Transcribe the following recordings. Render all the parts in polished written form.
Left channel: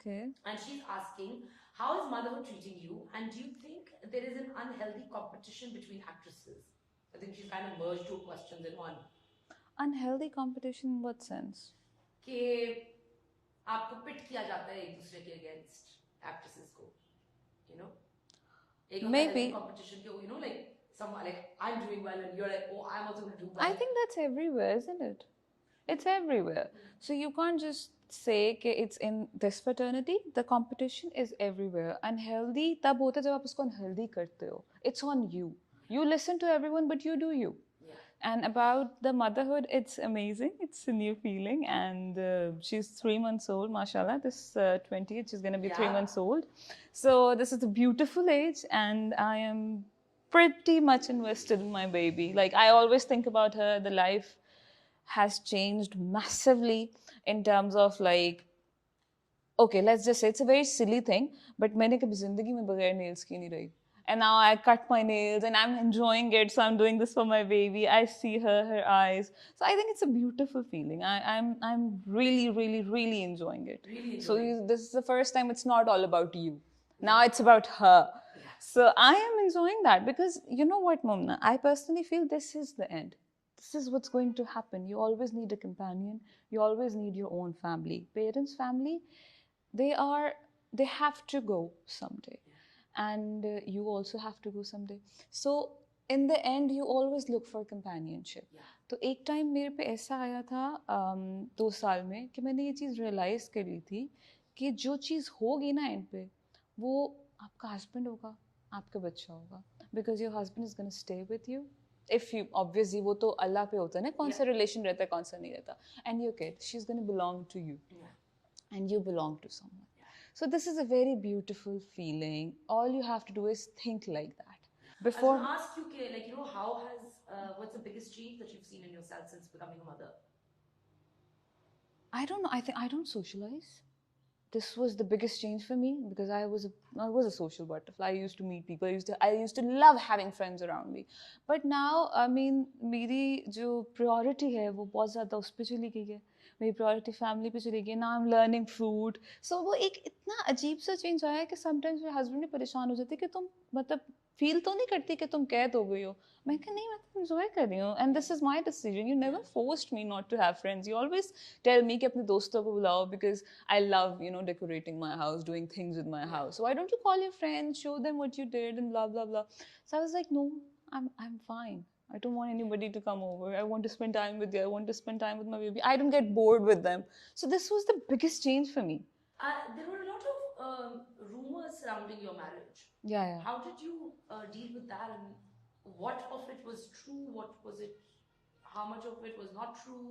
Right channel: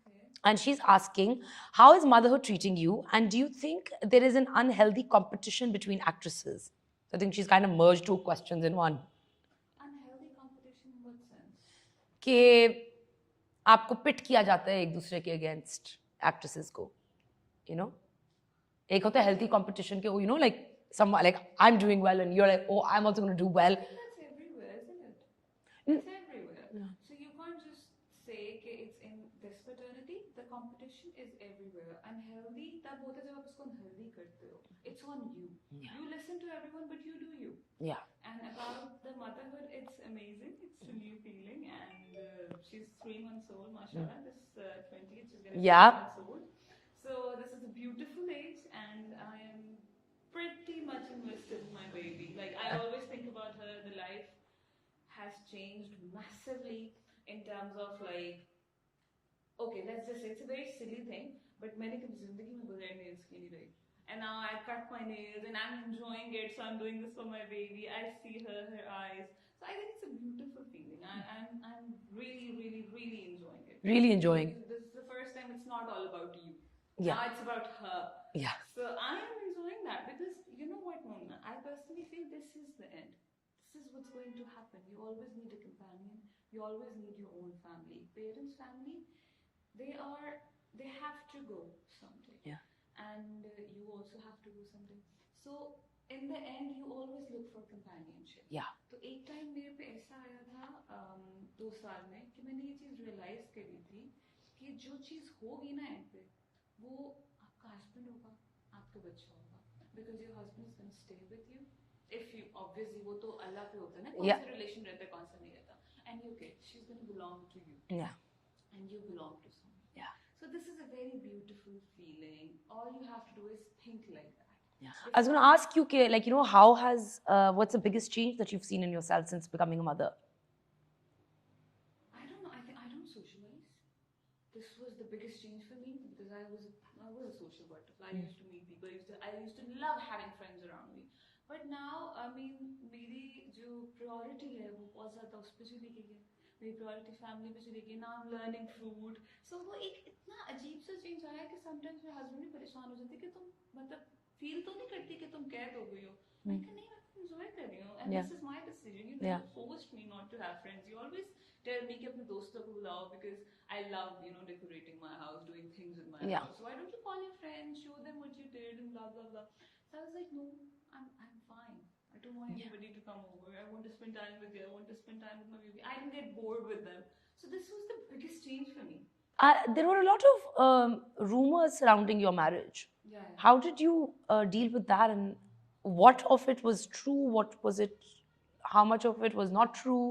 Okay. And she's asking, how is motherhood treating you? And do you think there is an unhealthy competition between actresses? I think she's kind of merged two questions in one. Unhealthy competition in what sense? कि आपको पिट किया जाता है एक दूसरे के against actresses को, you know? एक होता है healthy Maybe. competition के, you know, like some like I'm doing well and you're like, oh, I'm also going to do I well. think that's everywhere, isn't it? It's everywhere. So you can't just say कि it's in this fraternity. The competition is everywhere. Unhealthy तब होता है जब आप उसको unhealthy करते हो. It's on you. You listen to everyone, but you do you. Yeah. And about the motherhood, it's amazing. It's a new feeling, and she's 3 months old, mashallah. This 20th, she's gonna be Yeah. 3 months old. So this is a beautiful age, and I am pretty much invested in my baby. Like I always think about her, the life has changed massively in terms of like, okay, let's just say it's a very silly thing, but मैंने कभी जिंदगी में बगैर nails की नहीं रही. And now I cut my nails and I'm enjoying it. So I'm doing this for my baby. I see her eyes. So I think it's a beautiful feeling. I'm really, really, really enjoying it. Really enjoying. So this is the first time it's not all about you. Now Yeah. it's about her. Yeah. So I am enjoying that because you know what, Mumna? I personally feel this is the end. This is what's going to happen. You always need a companion. You always need your own family. Parents' family, they have to go someday. Yeah. And you also have to go someday. So in the end you always look for companionship. Yeah. तो एक time मेरे पे ऐसा आया था 2 साल में कि मैंने ये चीज़ रियलाइज़ करी थी कि जो चीज़ होगी ना एंड पे वो आपका हस्बैंड होगा, आपका बच्चा होगा, because your husband is gonna stay with you. If you obviously वो तो अल्लाह पे होता है ना, कौन सा रिलेशन रहता है कौन सा नहीं रहता. And your kid, she is gonna belong to you. Yeah. And you belong to someone. Yeah. So this is a very beautiful feeling. All you have to do is think like that. Yeah. I was going to ask you, like, you know, how has, what's the biggest change that you've seen in yourself since becoming a mother? I don't know. I think I don't socialize. This was the biggest change for me because I was a social butterfly. I used to meet people. I used to love having friends around me. But now, I mean, मेरी जो priority है वो बहुत ज़्यादा उस पे चली गई है. मेरी प्रायोरिटी फैमिली पे चली गई. Now I am learning fruit. So वो एक इतना अजीब सा चेंज आया कि समटाइम्स मेरे हस्बैंड भी परेशान हो जाते कि तुम मतलब फील तो नहीं करती कि तुम कैद हो गई हो. मैं कहा नहीं, मैं तो एंजॉय कर रही हूँ and this is my decision. You never forced me not to have friends. You always tell me कि अपने दोस्तों को बुलाओ because I love you know decorating my house, doing things with my house. So why don't you call your friends, show them what you did and blah blah blah. So I was like, no, I'm fine. I don't want anybody to come over. I want to spend time with you. I want to spend time with my baby. I don't get bored with them. So this was the biggest change for me. There were a lot of rumors surrounding your marriage. Yeah. How did you deal with that, and what of it was true? What was it? How much of it was not true?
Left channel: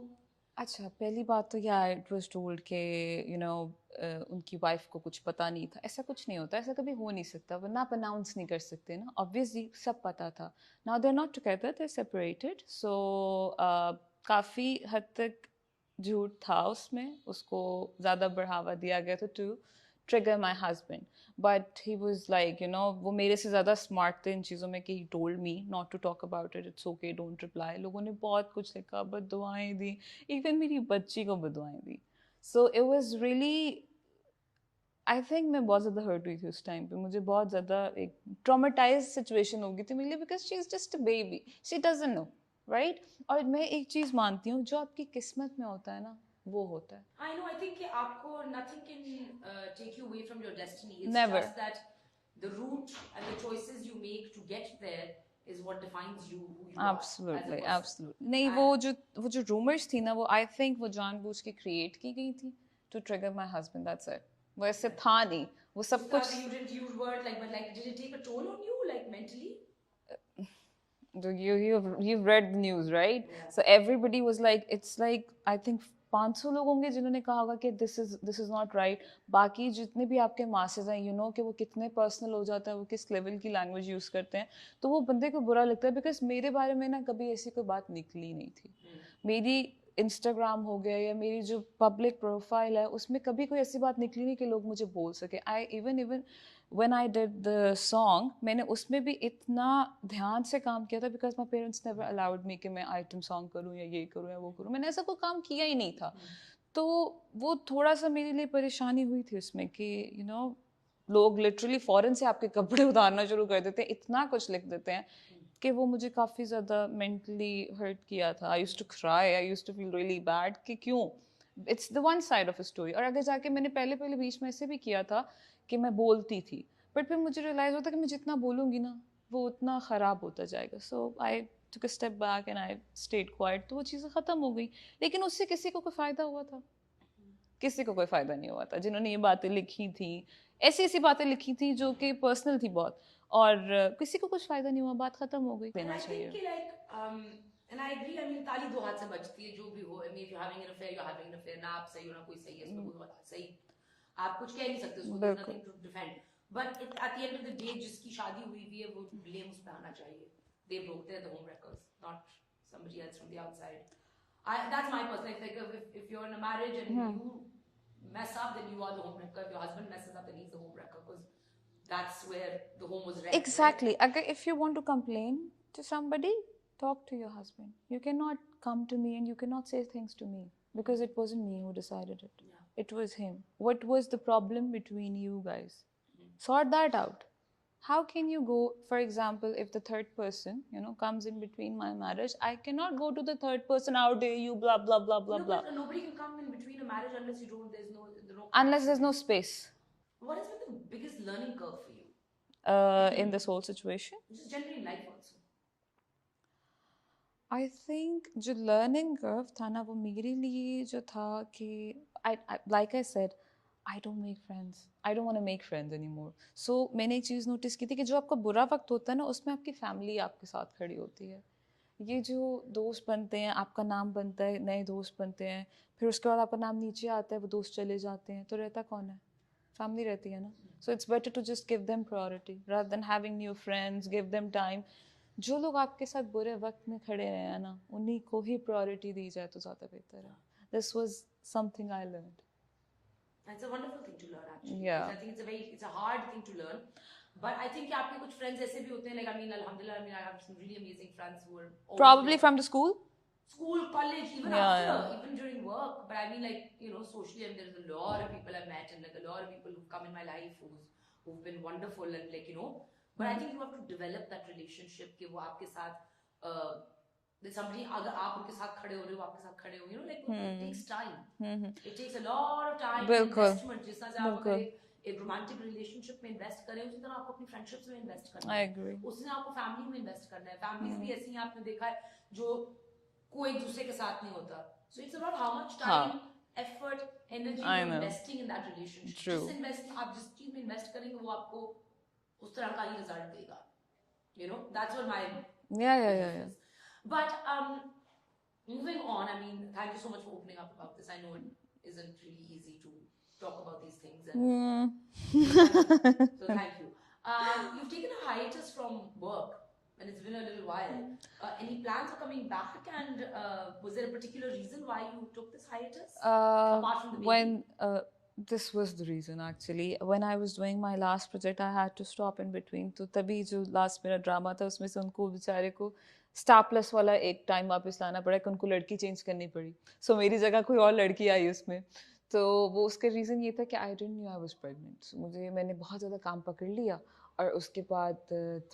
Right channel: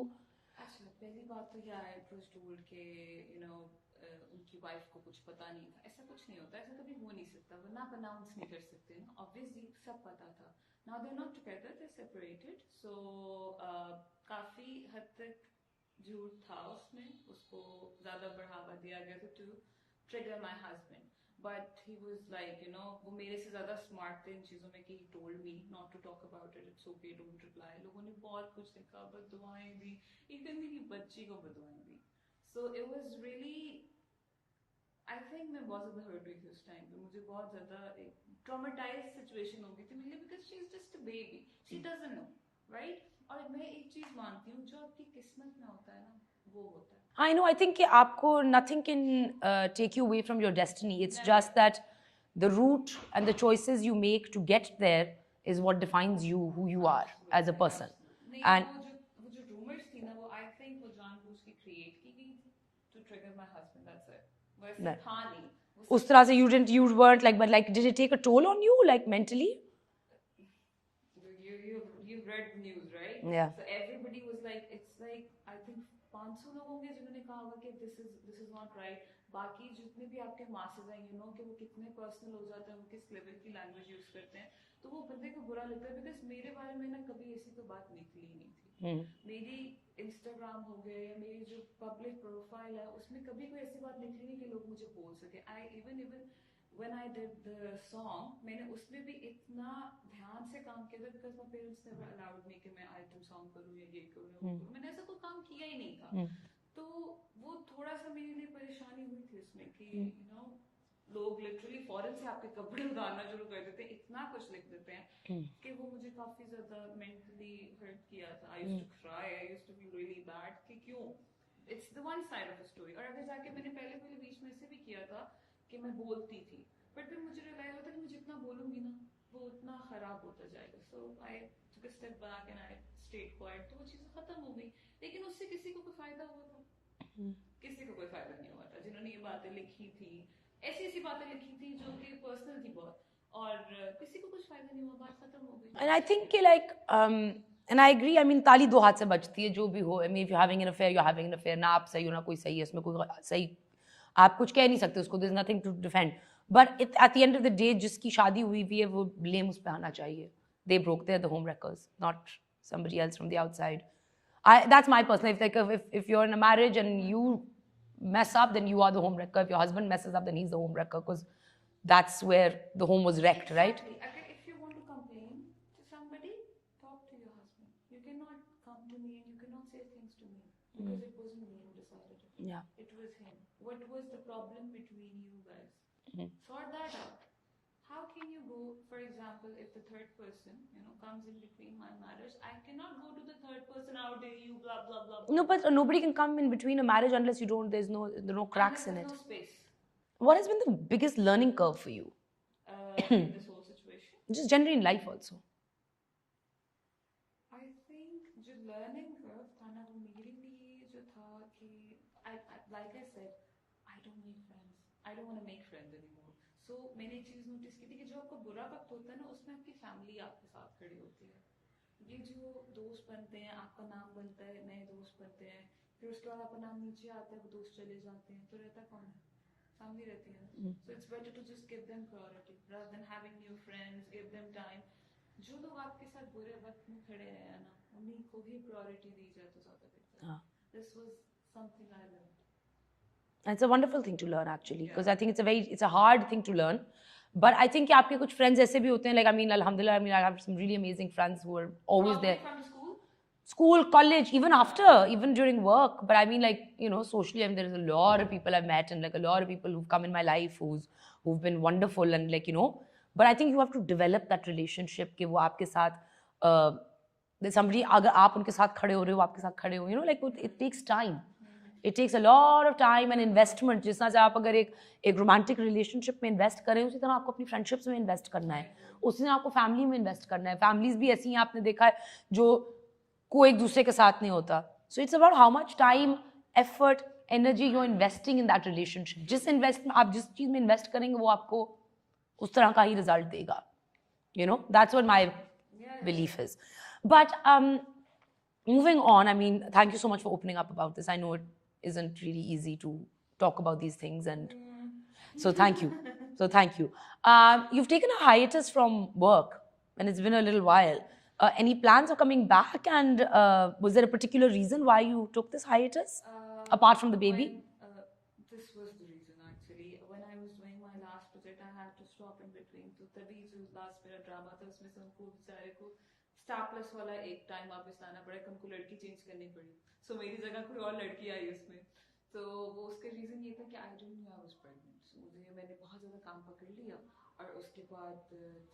अच्छा, पहली बात तो या it was told कि you know उनकी wife को कुछ पता नहीं था. ऐसा कुछ नहीं होता, ऐसा कभी हो नहीं सकता. वो ना अनाउंस नहीं कर सकते ना. ऑब्वियसली सब पता था. Now they are not together, they are separated. So काफ़ी हद तक झूठ था उसमें. उसको ज़्यादा बढ़ावा दिया गया था to trigger my husband. But he was like you know, वो मेरे से ज़्यादा स्मार्ट थे इन चीज़ों में कि he told me not to talk about it, it's okay, don't reply. लोगों ने बहुत कुछ लिखा, बददुआएं दी, इवन मेरी बच्ची को बददुआएं दी. So it was really, I think मैं बहुत ज़्यादा हर्ट हुई थी उस टाइम पे. मुझे बहुत ज़्यादा एक ट्रॉमेटाइज सिचुएशन हो गई थी मेरे लिए because she is just a baby, she doesn't know, right. और मैं एक चीज़ मानती हूँ, जो आपकी किस्मत में होता है ना वो होता है. I know. I think कि आपको nothing can take you away from your destiny. It's Never. just that the route and the choices you make to get there is what defines you, who you are as a person. Absolutely. नहीं, वो जो rumors थी ना, वो I think वो जानबूझ के create की गई थी to trigger my husband. That's it. वो ऐसे था नहीं. वो सब उस तरह से you weren't like, but like, did it take a toll on you, like mentally? You've read the news, right? Yeah. So everybody was like, it's like I think 500 लोग होंगे जिन्होंने कहा होगा कि this is not right. बाकी जितने भी आपके masses हैं, you know कि वो कितने personal हो जाता है, वो किस level की language use करते हैं, तो वो बंदे को बुरा लगता है. because मेरे बारे में ना कभी ऐसी कोई बात निकली नहीं थी. मेरी Instagram हो गया या मेरी जो public profile है उसमें कभी कोई ऐसी बात निकली नहीं कि लोग मुझे बोल सके. I even when I did the song, मैंने उसमें भी इतना ध्यान से काम किया था because my parents never allowed me कि मैं item song करूँ या ये करूँ या वो करूँ. मैंने ऐसा कोई काम किया ही नहीं था. तो वो थोड़ा सा मेरे लिए परेशानी हुई थी उसमें कि यू नो लोग लिटरली फॉरेन से आपके कपड़े उतारना शुरू कर देते हैं, इतना कुछ लिख देते हैं कि वो मुझे काफ़ी ज़्यादा मेंटली हर्ट किया था. I used to cry, I used to feel really bad कि क्यों. It's the one side of a story. और आगे जाके मैंने पहले पहले बीच में ऐसे भी किया था कि मैं बोलती थी, बट फिर मुझे रियलाइज़ होता कि मैं जितना बोलूँगी ना वो उतना ख़राब होता जाएगा. सो आई took a step back and I stayed quiet. तो वो चीज़ें ख़त्म हो गई, लेकिन उससे किसी को कोई फ़ायदा हुआ था? किसी को कोई फ़ायदा नहीं हुआ था. जिन्होंने ये बातें लिखी थी, ऐसी ऐसी बातें लिखी थी जो कि पर्सनल थी बहुत, और किसी को कुछ फ़ायदा नहीं हुआ, बात ख़त्म हो गई. And I think like and I agree. I mean ताली दो हाथ से बजती है जो भी हो. I mean if you're having an affair, you're having an affair. ना आप सही हो ना कोई सही है, इसमें कोई सही आप कुछ कह नहीं सकते उसको. There's nothing to defend. But at the end of the day जिसकी शादी हुई भी है वो blame उस पे आना चाहिए. They broke, they're the home wreckers, not somebody else from the outside. That's my personal. If you're in a marriage and you mess up, then you are the home wrecker. If your husband messes up, then he's the home wrecker because that's where the home was wrecked, Exactly. right? Agar if you want to complain to somebody, talk to your husband. You cannot come to me and you cannot say things to me because it wasn't me who decided it. Yeah. It was him. What was the problem between you guys? Sort that out. How can you go, for example, if the third person, comes in between my marriage, I cannot go to the third person, how dare you, blah, blah, blah, blah, No, blah. but nobody can come in between a marriage unless you don't. There's no cracks Unless in there's it. no space What has been the biggest learning curve for you? in this whole situation. Just generally in life also. I think जो learning curve था ना वो मेरे लिए जो था कि like I said, I don't make friends. I don't want to make friends anymore. So मैंने एक चीज़ नोटिस की थी कि जो आपका बुरा वक्त होता है ना उसमें आपकी फैमिली आपके साथ खड़ी होती है. ये जो दोस्त बनते हैं, आपका नाम बनता है, नए दोस्त बनते हैं, फिर उसके बाद आपका नाम नीचे आता है, वो दोस्त चले जाते हैं, तो रहता कौन है? फैमिली रहती है ना. So it's better to just give them priority rather than having new friends. Give them time. जो लोग आपके साथ बुरे वक्त में खड़े रहे हैं ना उन्हीं को ही प्रायोरिटी दी जाए तो ज़्यादा बेहतर है. This was something I learned. And it's a wonderful thing to learn actually because Yeah. I think it's a hard thing to learn. But I think कि आपके कुछ friends ऐसे भी होते हैं, like I mean alhamdulillah, I mean I have some really amazing friends who are always Probably there. from the school. School, college, even Yeah, after, yeah. even during work. But I mean, like, socially, I mean, there's a lot of people I've met and like a lot of people who've come in my life who've been wonderful and like, but I think you have to develop that relationship कि वो आपके साथ there's somebody अगर आप उनके साथ खड़े हो रहे हो, आपके साथ खड़े हो, like it takes time. It takes a lot of time and investment. जिस तरह से आप अगर एक romantic relationship में invest करें उसी तरह आपको अपनी friendships में invest करना I है. agree. उसी तरह आपको family में invest करना है. Families भी ऐसी हैं आपने देखा है जो कोई एक दूसरे के साथ नहीं होता. So it's about how much time, effort, energy you're investing in that relationship. जिस investment आप जिस चीज में invest करेंगे वो आपको उस तरह का ही result देगा. That's what my belief is. But moving on, I mean, thank you so much for opening up about this. I know it isn't really easy to talk about these things, and so thank you. So thank you. You've taken a hiatus from work, and it's been a little while. Any plans of coming back? And was there a particular reason why you took this hiatus apart from the baby? This was the reason actually. When I was doing my last project, I had to stop in between. तो तभी जो last मेरा drama था उसमें से उनको बेचारे को स्टार प्लस वाला एक टाइम वापस लाना पड़ा कि उनको लड़की चेंज करनी पड़ी. सो मेरी जगह कोई और लड़की आई उसमें. तो वो उसका रीज़न ये था कि I didn't know I was pregnant. मैंने बहुत ज़्यादा काम पकड़ लिया और उसके बाद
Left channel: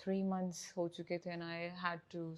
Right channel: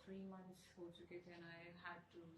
3 months हो चुके थे एंड आई हैड टू